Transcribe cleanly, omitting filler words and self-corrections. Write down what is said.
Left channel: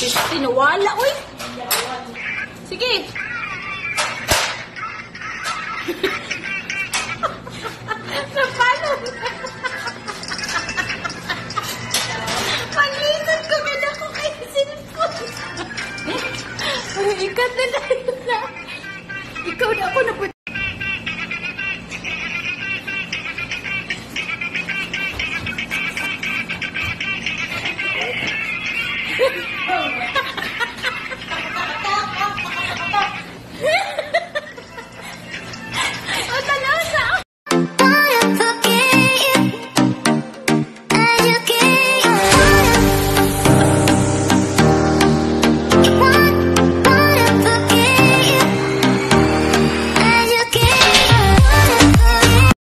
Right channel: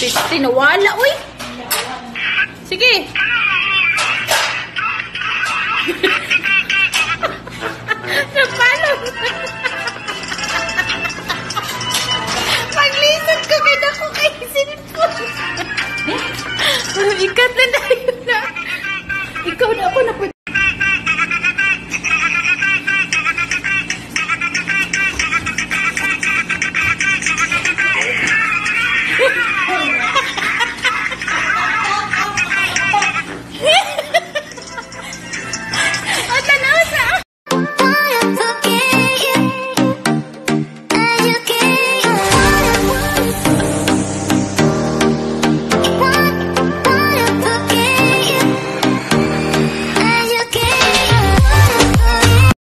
Piste, nawala, uy. Sige. Napalo. Pag-listen ko, ganda ko kay sinipon. Ikat na tayo na. Ikaw na ako,